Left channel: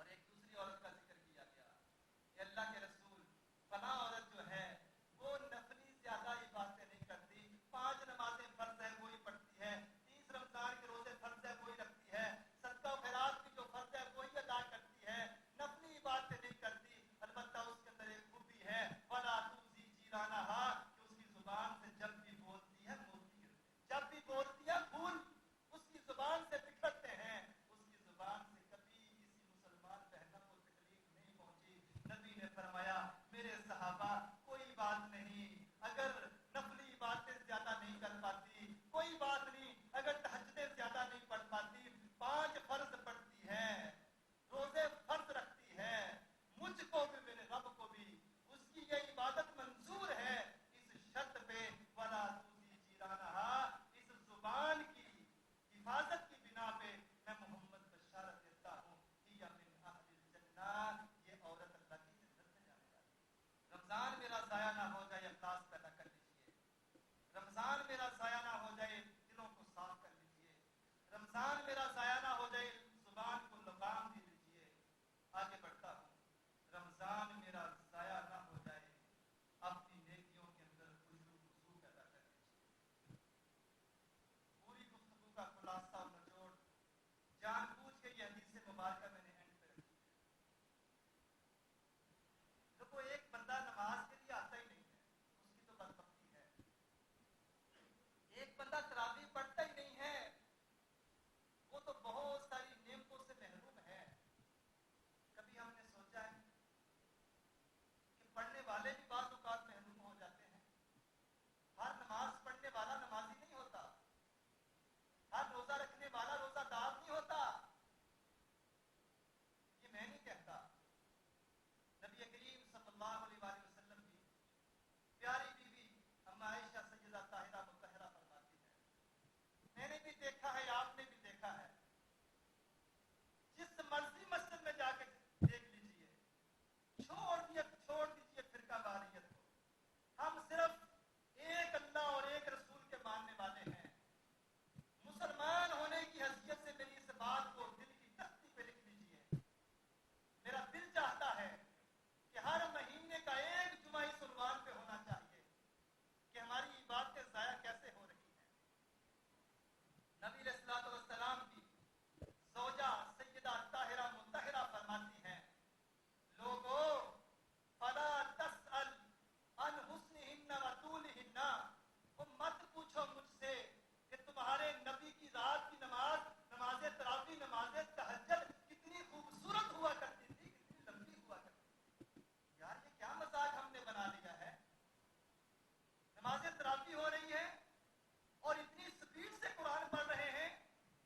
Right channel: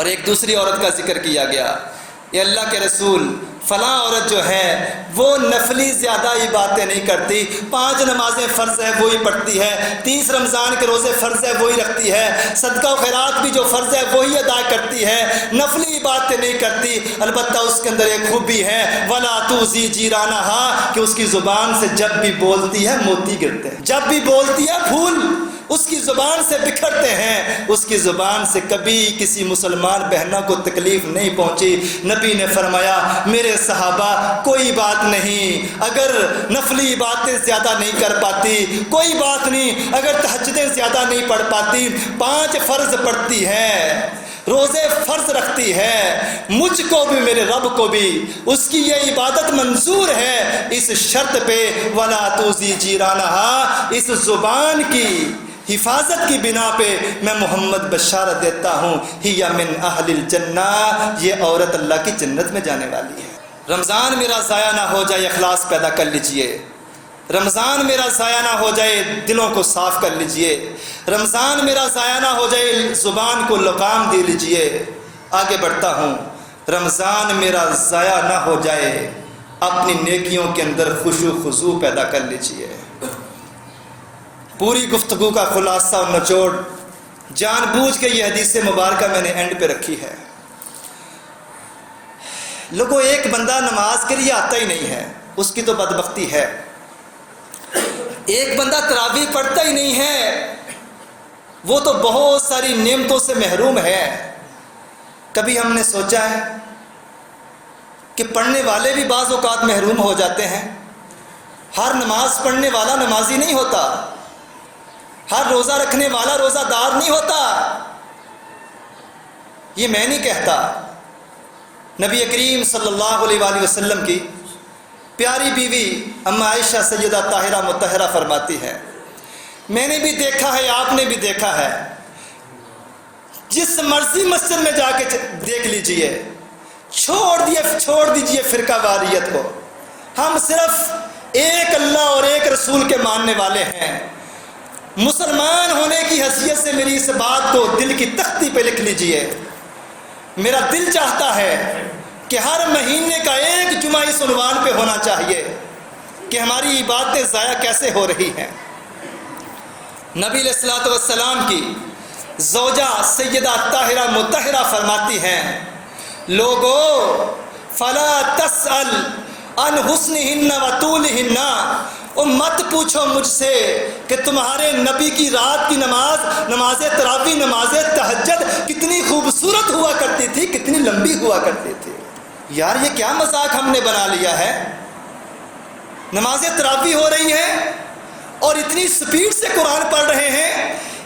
اور ایک دوسری عورت کا ذکر کیا گیا، یہ اللہ کے رسول فلاں عورت جو ہے وہ نفلی زیادہ عبادتیں نہیں کرتی، 5 نمازیں فرض ہے وہی پڑھتی ہے، 30 رمضان کے روزے فرض ہے وہی رکھتی ہے، صدقہ و خیرات بھی جو فرض ہے وہی ادا کرتی ہے، نفلی عبادتیں نہیں کرتی۔ البتہ اس کے اندر ایک خوبی ہے، وَلَا تُؤْذِي جِيرَانَهَا، کہ اس کی زبان سے جب بھی بولتی ہے موتی گرتے ہیں، جب بھی بولتی ہے پھول اس کی زبان سے بکھرتے ہیں، اس کی زبان سے کبھی کسی مسلمان بہنوں کو تکلیف نہیں پہنچی۔ نبی نے فرمایا میرے صحابہ کوئی بات نہیں اگر نفلی عبادتیں زیادہ نہیں کر پاتی، کوئی بات نہیں اگر تہجدیں زیادہ نہیں پڑھ پاتی، 5 فرض پڑھتی ہے، روزے فرض رکھتی ہے، مجھ کو بھی میرے رب کو بھی اس کی یہ عبادت منظور ہے، اس شرط پہ وَلَا تُؤْذِي جِيرَانَهَا، اس زبان کی حفاظت کی بنا پہ میں محمد بشارت دیتا ہوں، ہی من اہل الجنہ، یہ عورت اللہ کی جنت میں جانے والی ہے۔ رمضان میرا ضائع نہ ہو جائے، اخلاص پیدا کر لیجئے، رمضان میرا ضائع نہ ہو جائے، دلوں کو صاف کر لیجئے، رمضان میرا ضائع نہ ہو جائے، زبان کو لگام دے لیجئے۔ آگے بڑھتا ہوں، رمضان میرا ضائع نہ ہو جائے، اپنی نیکیوں کے اندر خشوع و خضوع پیدا کر لیجئے۔ پوری گفتگو کا خلاصہ اور نچوڑ جان بوجھ کے یہ حدیث مبارکہ میں نے اینڈ پہ رکھی ہے۔ لوگوں ایک بندہ نماز کے لیے آتا ہی نہیں ہے، اس کی تو بدبختی ہے۔ ایک بندہ تراویح پڑھتا ہی نہیں ہے، وہ تو بہت ساری نعمتوں سے محروم ہے۔ کبھی ہم نے سوچا ہے کہ پڑھنے والے بھی بعض اوقات محروم ہو جاتے ہیں؟ ہر نماز پڑھنے والا نمازی نہیں ہوتا، ہر روزہ رکھنے والا روزہ دار نہیں ہوتا۔ یہ میں نہیں کہتا، نبی کریم صلی اللہ علیہ وآلہ وسلم کی پیاری بیوی اما عائشہ سیدہ طاہرہ مطہرہ فرماتی ہے، میں نے بھی دیکھا ہے، آپ نے بھی دیکھا ہے، جس مرضی مسجد میں جا کے دیکھ لیجئے، چھوڑ دیجئے فرقہ واریت کو، ہم صرف ایک اللہ اور ایک رسول کے ماننے والے ہیں۔ مسلمان ہونے کی حیثیت سے میری اس بات کو دل کی تختی پہ لکھ لیجئے۔ میرا دل چاہتا ہے کہ ہر مہینے کا ایک جمعہ اس عنوان پہ ہونا چاہیے کہ ہماری عبادتیں ضائع کیسے ہو رہی ہیں۔ نبی علیہ الصلوۃ والسلام کی زوجہ سیدہ طاہرہ مطہرہ فرماتی ہیں، لوگو فلا تسأل عن حسنہن و طولہن، مت پوچھو مجھ سے کہ تمہارے نبی کی رات کی نماز تراویح، نماز تہجد کتنی خوبصورت ہوا کرتی تھی، کتنی لمبی ہوا کرتی تھی۔ یار یہ کیا مذاق ہم نے بنا لیا ہے؟ نماز تراویح ہو رہی ہے اور اتنی سپیڈ سے قرآن پڑھ رہے ہیں،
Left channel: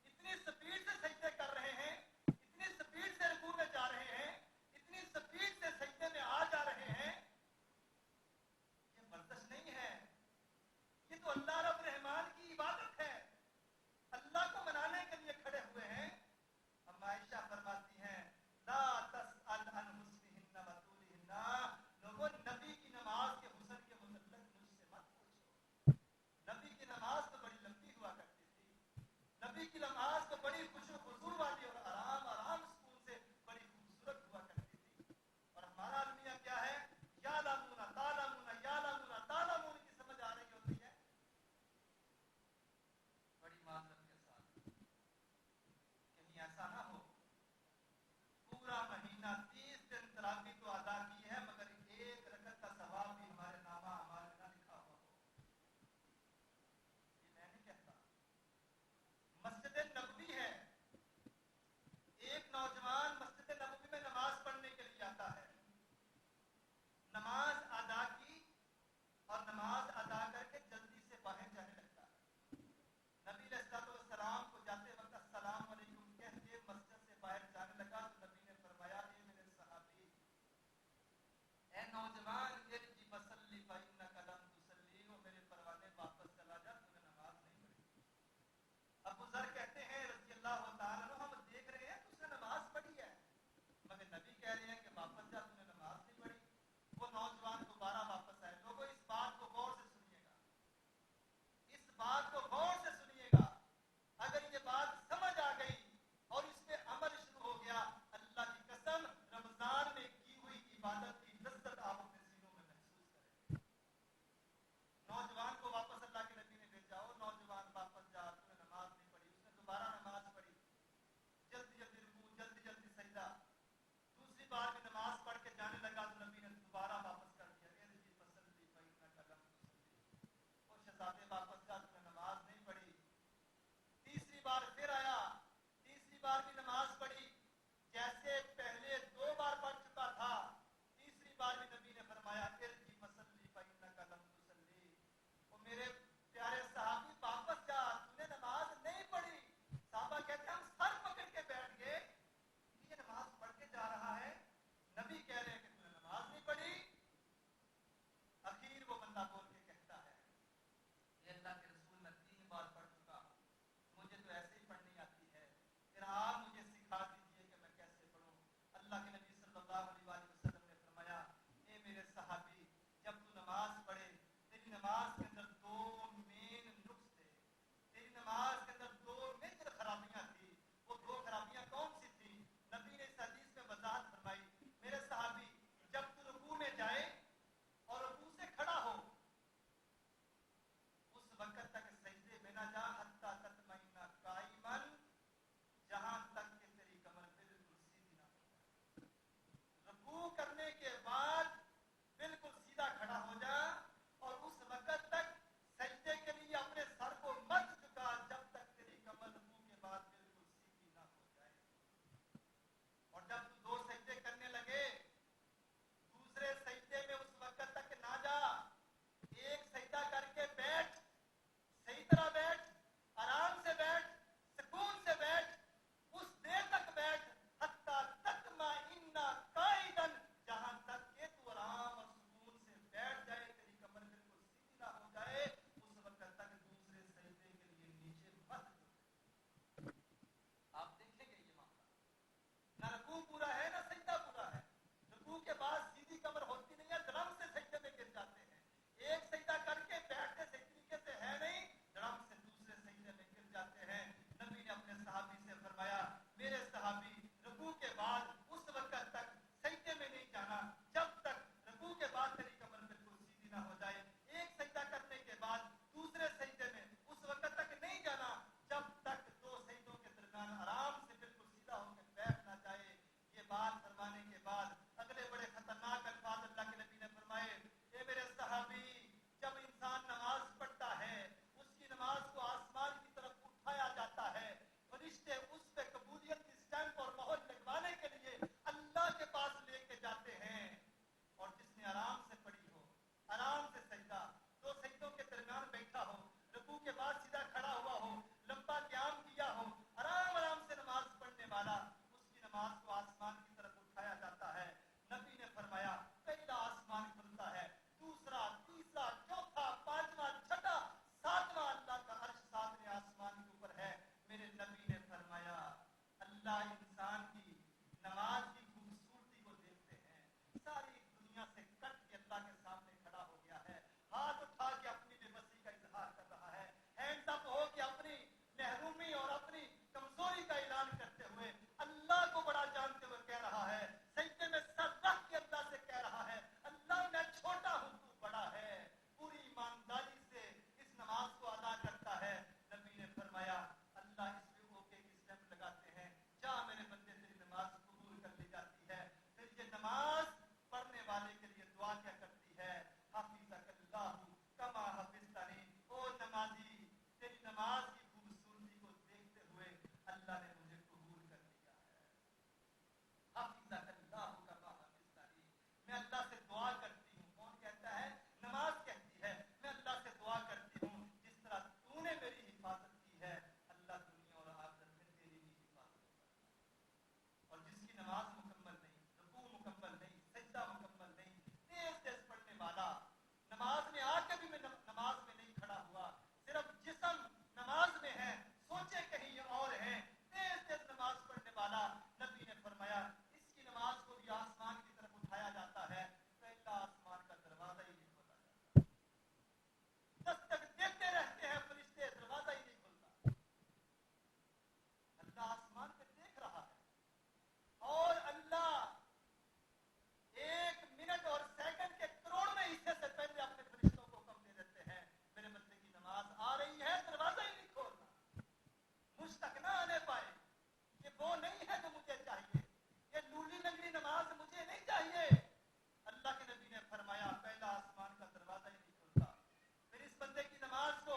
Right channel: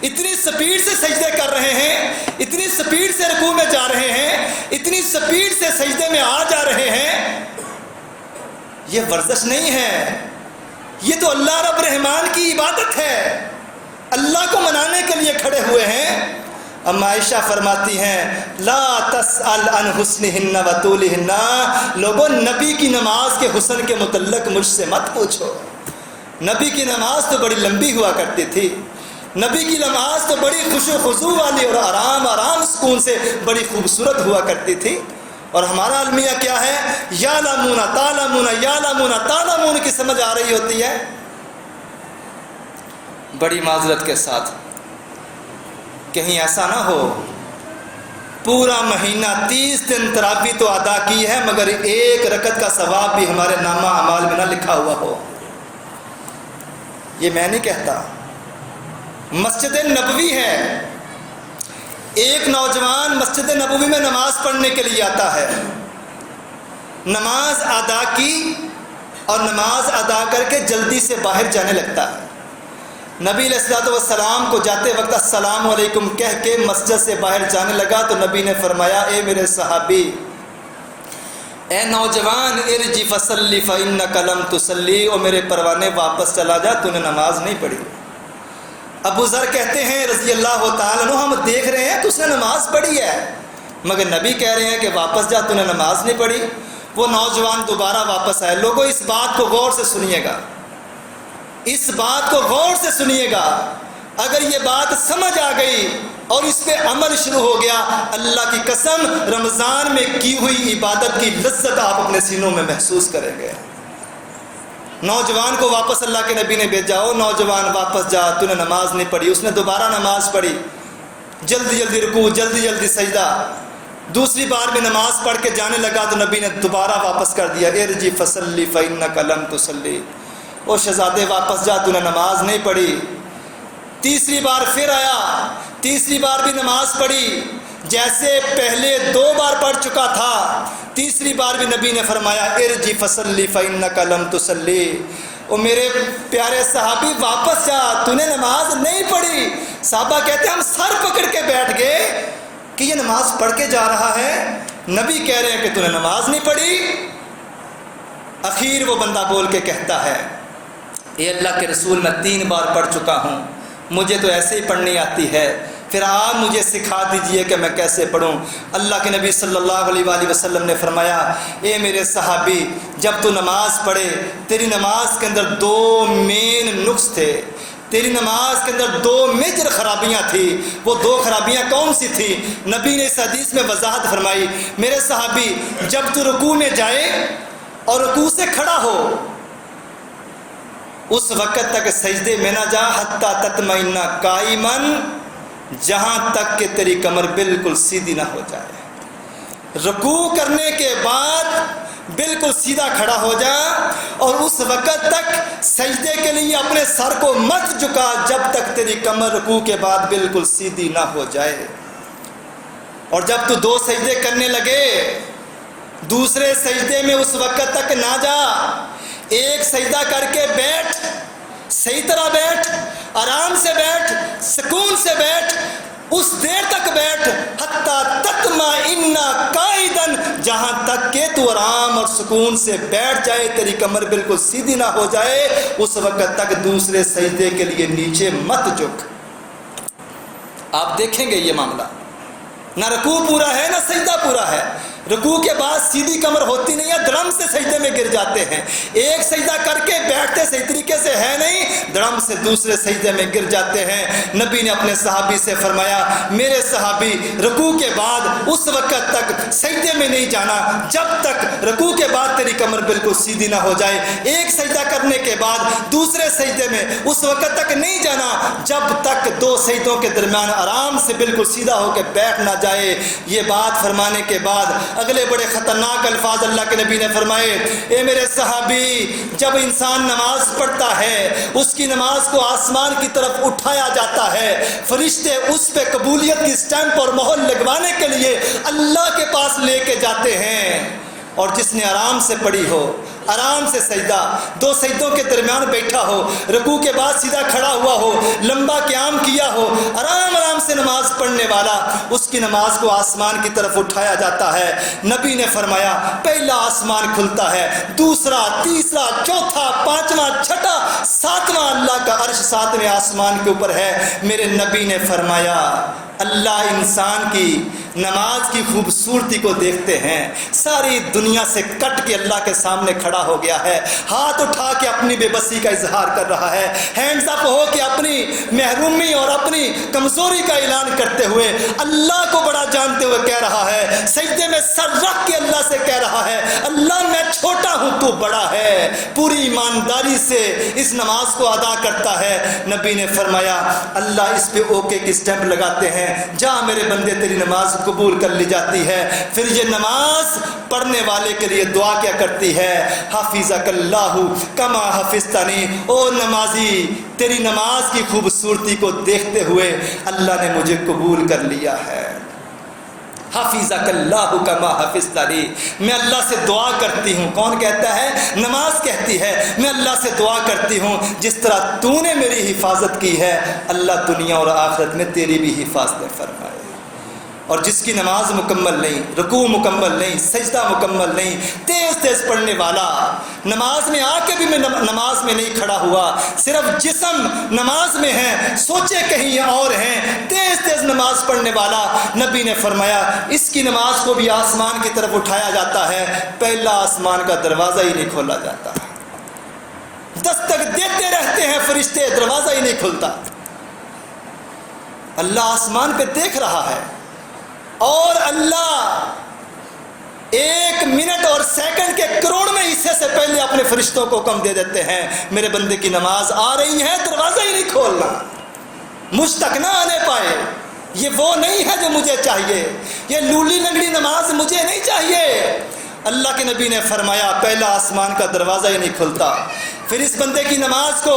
اتنی سپیڈ سے سجدے کر رہے ہیں، اتنی سپیڈ سے رکوع میں جا رہے ہیں، اتنی سپیڈ سے سجدے میں آ جا رہے ہیں۔ یہ ورزش نہیں ہے، یہ تو اللہ رب رحمان کی عبادت ہے، اللہ کو منانے کے لیے کھڑے ہوئے ہیں۔ اما عائشہ فرماتی ہیں لا تسأل عن حسنہن و طولہن، لوگوں نبی کی نماز کے حسن کے متعلق مجھ سے مت پوچھو، نبی کی نماز تو بڑی لمبی ہوا کرتی تھی، نبی کی نماز تو بڑی خشوع و خضوع والی اور آرام سکون سے بڑی خوبصورت ہوا کرتی تھی۔ اور ہمارا المیہ کیا ہے؟ یعلمون تعلمون یعلمون تعلمون کی سمجھ آ رہی ہوتی ہے۔ بڑی معذرت کے ساتھ، کہیں ایسا نہ ہو پورا مہینہ 30 دن تراویح تو ادا کی ہے مگر ایک رکعت کا ثواب بھی ہمارے نامہ اعمال میں نہ لکھا ہوا ہو۔ یہ میں نہیں کہتا، مسجد نبوی ہے، ایک نوجوان مسجد نبوی میں نماز پڑھنے کے لیے آتا ہے، نماز ادا کی اور نماز ادا کر کے جلدی سے باہر جانے لگتا ہے۔ نبی علیہ الصلوۃ والسلام کو جاتے وقت السلام علیکم کہہ کے مسجد سے باہر جانے لگا تو نبی نے فرمایا اے میرے صحابی، اے نوجوان، ارجع فصلی فإنک لم تصلی، او میرے پروانے واپس چلا جا، تو نے نماز نہیں پڑھی۔ ابو ذر کہتے ہیں رضی اللہ تعالیٰ عنہ، ہم دیکھ رہے ہیں تو اس نے نماز پڑھی ہے مگر نبی کہہ رہے ہیں کہ واپس جا، تو نے نماز نہیں پڑھی۔ وہ نوجوان دوبارہ واپس آئے۔ لوگوں اس بات کو غور سے سنیے گا، اس بات کو غور سے سنیے گا، اگر یہ بات سمجھ آ گئی اور اس پہ عمل شروع ہو گیا، اللہ کی قسم رمضان میں کی ہوئی عبادت کی لذت آپ اپنے سینوں میں محسوس کریں گے۔ نوجوان کو واپس اللہ کے نبی نے بھیجا، او نوجوان واپس جا، تو نے نماز نہیں پڑھی۔ اس نے دوبارہ نماز پڑھی، جلدی جلدی رکوع، جلدی جلدی سجدہ۔ دوسری بار بھی نماز پڑھ کے جانے لگا تو نبی نے دوبارہ واپس کر دیا، ارجع فصلی فإنک لم تصلی، او شہزادے واپس جا، تو نے نماز نہیں پڑھی۔ تیسری بار پھر آیا، تیسری بار بھی نماز پڑھی، جیسے پہلے 2 بار پڑھ چکا تھا، تیسری بار بھی نبی نے فرمایا ارجع فصلی فإنک لم تصلی، او میرے پیارے صحابی واپس جا، تو نے نماز نہیں پڑھی۔ صحابہ کہتے ہیں ہم سر پکڑ کے بیٹھ گئے کہ یہ نماز پڑھ کے جا رہا ہے، نبی کہہ رہے ہیں کہ تو نے نماز نہیں پڑھی۔ اخیر وہ بندہ بول کے کہتا ہے، اے اللہ کے رسول میں 3 بار پڑھ چکا ہوں، مجھے تو ایسے ہی پڑھنی آتی ہے، پھر آپ مجھے سکھا دیجئے کہ میں کیسے پڑھوں۔ اللہ کے نبی صلی اللہ علیہ وآلہ وسلم نے فرمایا، اے میرے صحابی، جب تو نماز پڑھے تیری نماز کے اندر 2 مین نقص تھے، تیری نماز کے اندر 2 میجر خرابیاں تھیں۔ وہ 2 خرابیاں کون سی تھیں؟ نبی نے اس حدیث میں وضاحت فرمائی، میرے صحابی جب تو رکوع میں جائے اور رکوع سے کھڑا ہو اس وقت تک سجدے میں نہ جا حتی تطمئن قائما، جہاں تک کہ تیری کمر بالکل سیدھی نہ ہو جائے۔ رکوع کرنے کے بعد بالکل سیدھا کھڑا ہو جا اور اس وقت تک سجدے کے لیے اپنے سر کو مت جھکا جب تک تیری کمر رکوع کے بعد بالکل سیدھی نہ ہو جائے۔ اور جب تو 2 سجدے کرنے لگے، دوسرے سجدے میں اس وقت تک نہ جا، ایک سجدہ کر کے بیٹھ، صحیح طرح بیٹھ، آرام سے بیٹھ، سکون سے بیٹھ، اس دیر تک بیٹھ حتی تطمئن قائدا، جہاں تک کہ تو آرام اور سکون سے بیٹھ جائے، تیری کمر بالکل سیدھی نہ ہو جائے، اس وقت تک دوسرے سجدے کے لیے نیچے مت جھک۔ آپ دیکھیں گے یہ معاملہ، نہ رکوع پورا ہے نہ سجدہ پورا ہے۔ رکوع کے بعد سیدھی کمر ہوتی نہیں ہے، دڑم سے سجدے میں گر جاتے ہیں، ایک سجدہ کر کے بیٹھتے صحیح طریقے سے ہے نہیں، دڑم سے دوسرے سجدے میں گر جاتے ہیں۔ نبی نے اپنے صحابی سے فرمایا، میرے صحابی رکوع کے بعد اس وقت تک سجدے میں نہیں جانا جب تک رکوع کے بعد تیری کمر بالکل سیدھی نہ ہو جائے، ایک سجدہ کرنے کے بعد دوسرے سجدے میں اس وقت تک نہیں جانا جب تک 2 سجدوں کے درمیان آرام سے بالکل سیدھا ہو کے بیٹھ نہ جائے۔ یہ بات فرمانے کے بعد اگلے بڑے خطرناک الفاظ اللہ کے نبی نے فرمائے، اے میرے صحابی، جب انسان نماز پڑھتا ہے اس کی نماز کو آسمان کی طرف اٹھایا جاتا ہے، فرشتے اس پہ قبولیت کی سٹیمپ اور مہر لگوانے کے لیے اللہ کے پاس لے کے جاتے ہیں۔ اور جس نے آرام سے پڑھی ہو، آرام سے سجدہ 2 سجدوں کے درمیان بیٹھا ہو، رکوع کے بعد سیدھا کھڑا ہوا ہو، لمبا قیام کیا ہو، آرام آرام سے نماز پڑھنے والا، اس کی نماز کو آسمان کی طرف اٹھایا جاتا ہے۔ نبی نے فرمایا، پہلا آسمان کھلتا ہے، دوسرا، تیسرا، چوتھا، 5واں، 6واں، 7واں، اللہ کا عرش 7ویں آسمان کے اوپر ہے۔ میرے نبی نے فرمایا، اللہ انسان کی نماز کی خوبصورتی کو دیکھتے ہیں، ساری دنیا سے کٹ کے اللہ کے سامنے کھڑا ہو گیا ہے، ہاتھ اٹھا کے اپنی بے بسی کا اظہار کر رہا ہے، ہینڈز اپ ہو کے اپنی محرومی اور اپنی کمزوری کا اعلان کرتے ہوئے اللہ کو بڑا جانتے ہوئے کہہ رہا ہے، سجدے میں سر رکھ کے اللہ سے کہہ رہا ہے، اللہ میں چھوٹا ہوں تو بڑا ہے، پوری ایمانداری سے اس نماز کو ادا کرتا ہے۔ نبی نے فرمایا، اللہ اس پہ اوکے کی سٹیمپ لگاتے ہیں، جا میرے بندے تیری نماز قبول کر لی جاتی ہے۔ پھر یہ نماز پڑھنے والے کے لیے دعا کیا کرتی ہے، حافظک اللہ کما حفظتنی، او نمازی تیری نماز کی خوبصورتی کو دیکھتے ہوئے اللہ نے مجھے قبول کر لیا ہے۔ حافظک اللہ کما حفظتنی، میں اللہ سے دعا کرتی ہوں، کون کہتا ہے؟ نماز کہتی ہے، میں اللہ سے دعا کرتی ہوں جس طرح تو نے میری حفاظت کی ہے، اللہ دنیا اور آخرت میں تیری بھی حفاظت فرمائے۔ اور جس کی نماز مکمل نہیں، رکوع مکمل نہیں، سجدہ مکمل نہیں، تیز تیز پڑھنے والا، نماز میں آ کے بھی میں نماز میں نہیں کھڑا ہوا، صرف جسم نماز میں ہے، سوچے کہیں اور ہیں، تیز تیز نماز پڑھنے والا، نبی نے فرمایا اس کی نماز کو بھی آسمان کی طرف اٹھایا جاتا ہے، پہلا آسمان کا دروازہ ہی نہیں کھولا جاتا، دستک دیتے رہتے ہیں فرشتے، دروازہ ہی نہیں کھلتا۔ اللہ آسمان پہ دیکھ رہا ہے اور اللہ 1 منٹ اور سیکنڈ کے کروڑ میں حصے سے پہلے اپنے فرشتوں کو حکم دے دیتے ہیں میرے بندے کی نماز آ رہی ہے، دروازہ ہی نہیں کھولنا، مجھ تک نہ آنے پائے۔ یہ وہ نہیں ہے جو مجھے چاہیے، یہ لولی لنگڑی نماز مجھے نہیں چاہیے۔ اللہ کے نبی نے فرمایا پہلا آسمان کا دروازہ ہی نہیں کھلتا، پھر اس بندے کی نماز کو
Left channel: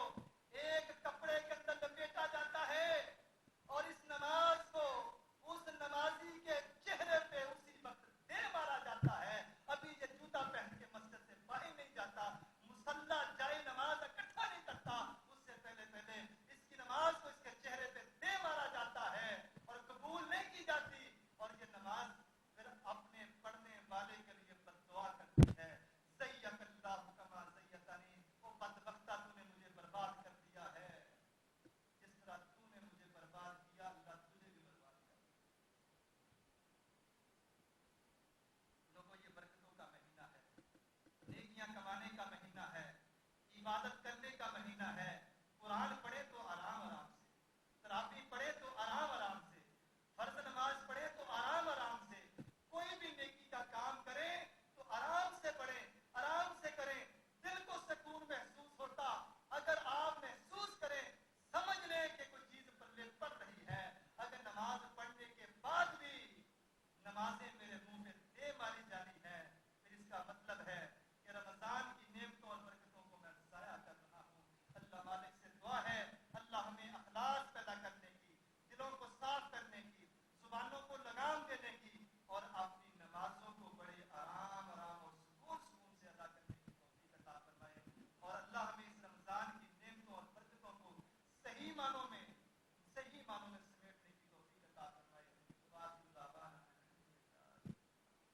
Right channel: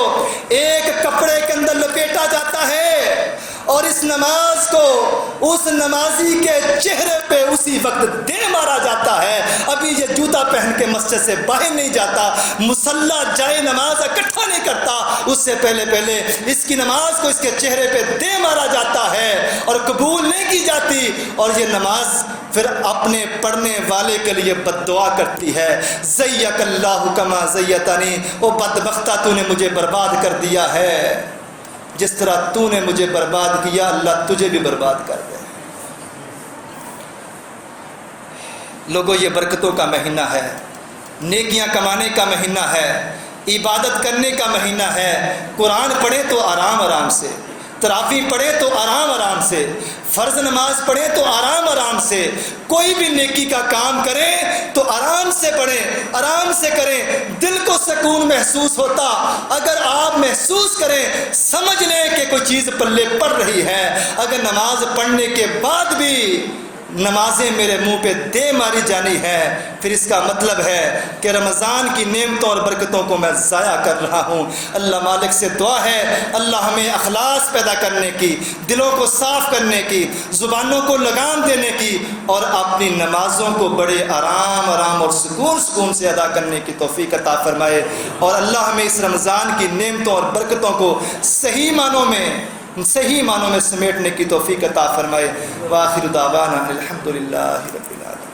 ایک کپڑے کے اندر لپیٹا جاتا ہے اور اس نماز کو اس نمازی کے چہرے پہ اسی وقت دے مارا جاتا ہے۔ ابھی یہ جوتا پہن کے مسجد سے باہر نہیں جاتا، مصلی جائے نماز اکٹھا نہیں کرتا، اس سے پہلے اس کی نماز کو اس کے چہرے پہ دے مارا جاتا ہے اور قبول نہیں کی جاتی، اور یہ نماز پھر اپنے پڑھنے والے کے لیے بد دعا کرتی ہے، زیک اللہ کما زیتنی، او بدبختہ تو نے مجھے برباد کر دیا ہے، جس طرح تو نے مجھے برباد کیا اللہ تجھے بھی برباد کر دے۔ لوگوں یہ برکتوں کا مہینہ ہے، نیکیاں کمانے کا مہینہ ہے، عبادت کرنے کا مہینہ ہے۔ قرآن پڑھیں تو آرام سے، تراویح پڑھیں تو آرام سے، فرض نماز پڑھیں تو آرام سے، کوئی بھی نیکی کا کام کریں تو آرام سے پڑھیں، آرام سے کریں، دل کو سکون محسوس ہوتا۔ اگر آپ محسوس کریں، سمجھ لیں کہ کوئی چیز پلے پڑ رہی ہے۔ اگر نماز پڑھنے کے بعد بھی نمازیں میرے منہ پہ دے ماری جانی ہے، پھر اس کا مطلب ہے کہ رمضان کی نعمتوں اور برکتوں کو میں ضائع کر رہا ہوں۔ اللہ مالک سے دعا ہے اللہ ہمیں اخلاص پیدا کرنے کی، دلوں کو صاف کرنے کی، زبانوں کو لگام دینے کی، اور اپنی نمازوں کو بڑے آرام اور سکون سے ادا کرنے کی توفیق عطا فرمائے، اور اللہ ہمیں اس رمضان کی نعمتوں اور برکتوں کو صحیح معنوں میں سمیٹنے کی توفیق عطا فرمائے۔ وآخر دعوانا الحمدللہ رب العالمین۔